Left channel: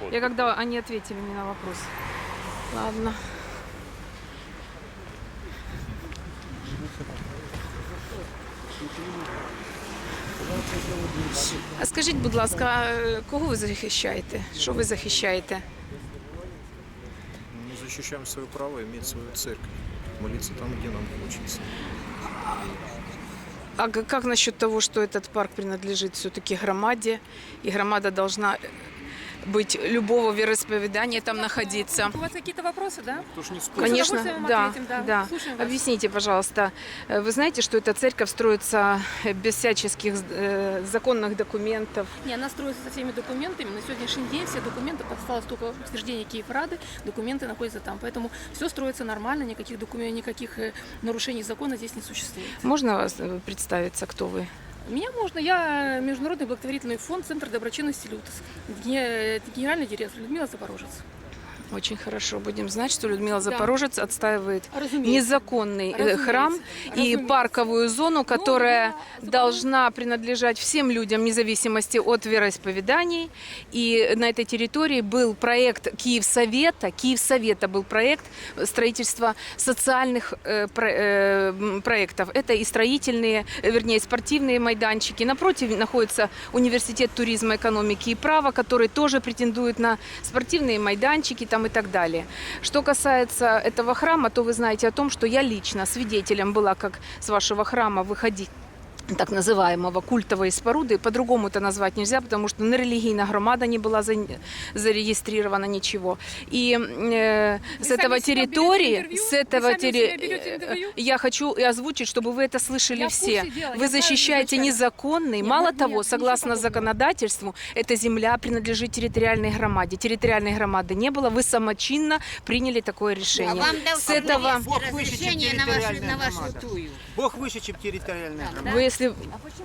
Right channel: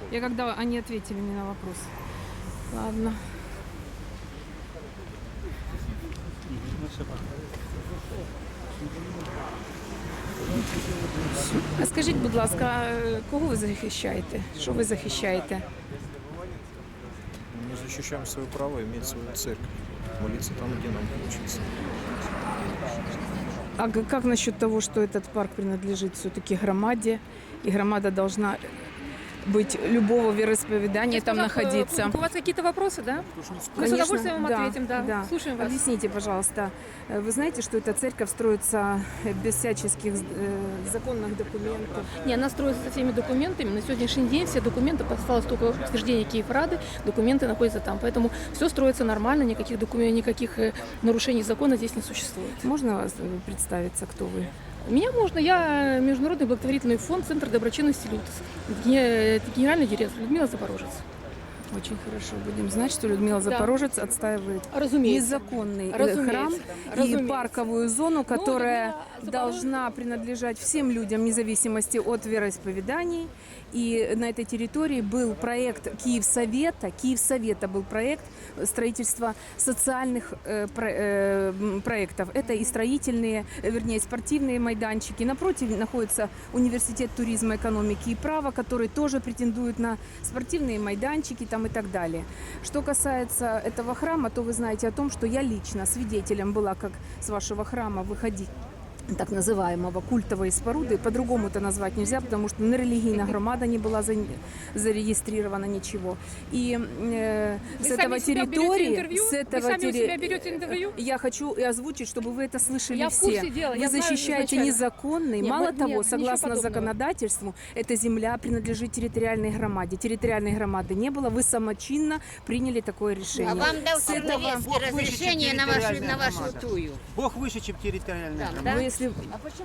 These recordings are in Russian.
вход. Я когда они ответили мне на вопрос. Ладно. А скажіть, будь ласка, а кого ви захищаєте? Що ви захищаєте? Мы защищаем свое право иметь свою церковь, молиться там, где нам хочется. А г- как насчет того, что этот парк принадлежит все-таки громаде, и громада должна быть любого вероисповедания там находиться? У вас какие-то вопросы, да? Мы с вам ответим, да. Слушаем вас. Объясните, пожалуйста, э, вы знаете, что эта церковь строится э, без всяческих э, законных документов? Не, она строится со всеми документами. На сегодняшний день все документы, осталось только утверждение Киеврады, документы находятся там. Поэтому все строится нормально, никаких, документов, никаких нарушений закона здесь не существует. Можно вас представиться, кто вы? Меня можно, я Международный благотворительный фонд Центр доброчинности «Лютос», ге- генеральный директор Людмила Запорожец. Очень хорошо. Будем знать, что Людмила Запорожец отстаивает Разумеется. незаконный э, Разумеется. храм и Разумеется. парковую зону, которая я Запорожец- должна принадлежать всем людям, вне зависимости от вероисповеданий. И на этой территории был проект Киевсовета. Киевсовета был проект строительства социальных э, про- э, проектов. Это и строительные, э, вернее, спортивные майданчики. Напротив находится университет туризма, экономики и права, который тоже претендует на спортивные майданчики там и так далее. Что касается этого храма, то вы знаете о том, что я лично свидетелем была, как с вашего храма выходить так называемого культовой споруды. По-другому это назвать нельзя, потому что на религийная громада не была за- зарегистрирована ничего. И э, с сами этого территории, с Вы этого сами у терри- себя берете интервью? я хочу и озвучить, чтобы вы это слышали Я все. дела, Вы я знаю защищаете изначально. незаконный. Нет, Мало нет, того, ничего согласно законодательству, эта земля принадлежит территориальной громаде. Территориальной громады не было. Вы самочинно приняли такое решение. А вам дал С этого Бог на вашу, территориальная на вашу громада. тую. Бог выше, чем территориальная громада. Вы, если,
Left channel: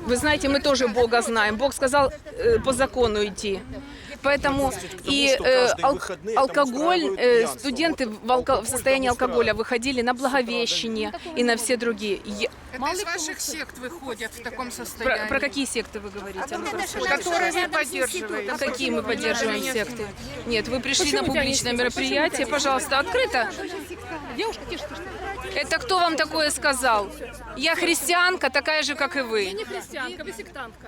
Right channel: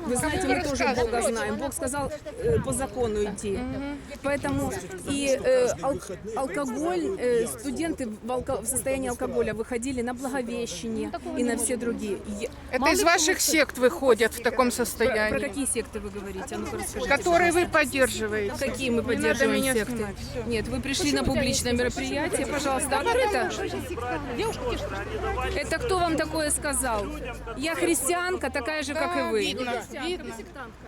вы знаете, мы тоже Бога знаем. Бог сказал э, по закону идти. Поэтому и э, ал- алкоголь, э, студенты в, алко- в состоянии алкоголя выходили на Благовещение и на все другие. Я- Это из ваших сект выходят в таком Про, состоянии, про какие секты вы говорите? А которые вы поддерживаете. Какие мы поддерживаем меня секты? Нет, вы пришли Почему на публичное мероприятие, пожалуйста, открыто. Это кто вам такое сказал? Я христианка, такая же, как и вы. не христианка, вы сектантка.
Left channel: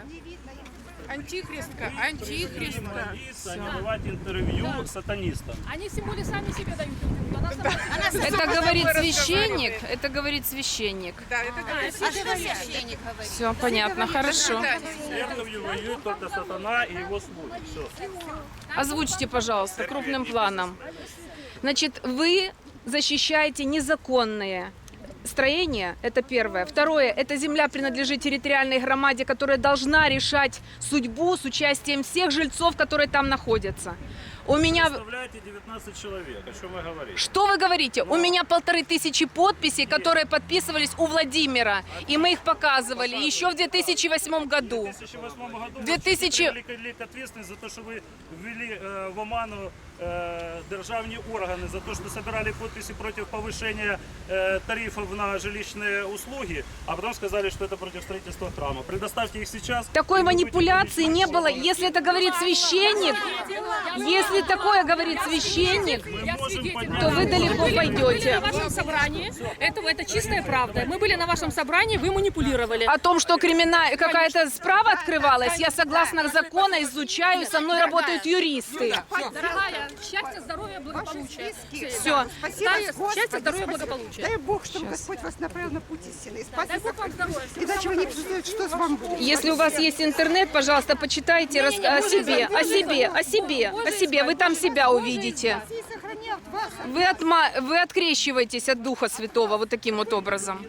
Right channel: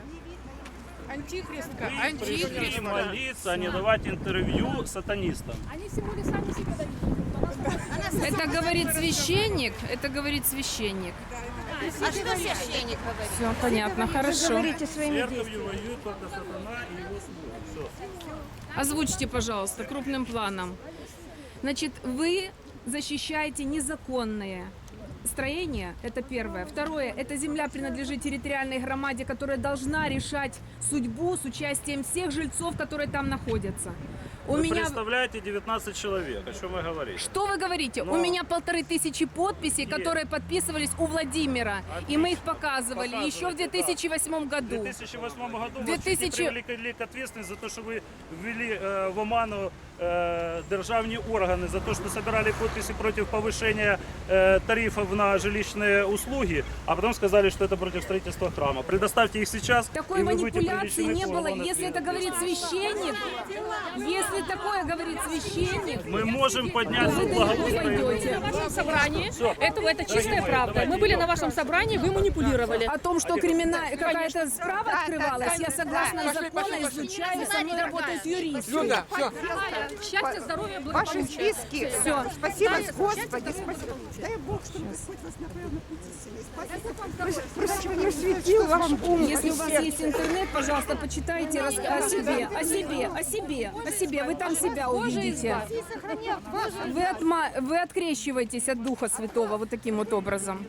Антихристка, Не антихристка. молиться, не давать интервью сатанистам. Они тем более сами себе дают интервью. А Это говорит священник, это говорит священник. А что священник говорит? Все понятно, хорошо. Церковью воюет только сатана и его слуги. Все. Озвучьте, пожалуйста, крупным планом. Значит, вы защищаете незаконные строения, это первое. Второе, эта земля принадлежит территориальной громаде, которая должна решать судьбу с участием всех жильцов, которые там находятся. У Вы меня... представляете 19 человек. О чем вы говорите? Что вы говорите? У Но- меня полторы тысячи подписей, которые подписывались у Владимира. И мы их показывали Показывали, еще в 2008 В году. 2008 году 2000 вас привлекли к ответственности за то, что вы ввели э, в оману э, державні органи за то, что собирали подписи против повышения э, тарифов на жилищные услуги, а потом сказали, что это против строительства храма. Предоставьте их сейчас. Такой манипуляции не было. Если это говорит священник, если такое говорит священник, Мы можем поднять... то вы далеко были на пойдете. вашем собрании. Это, это чистая правда. Мы были на вашем собрании, вы манипулировали. О том, что кримина... какая-то справа открывалась, я согласно закону изучаю, со мной работают юристы. Счастья, здоровья, Ваши благополучия. списки. Все. Спасибо, счастья, здоровья, благополучия. Дай Бог, чтобы Господь вас направил на путь истины. Спасибо. Вам. Иначе вы не представляете, что с вами будет. Если у вас есть интернет, пожалуйста, почитайте рас- о себе, о себе, о себе, о себе. Вы там себя увидите. Вы, отма... вы открещиваетесь от Духа Святого вот таким вот образом.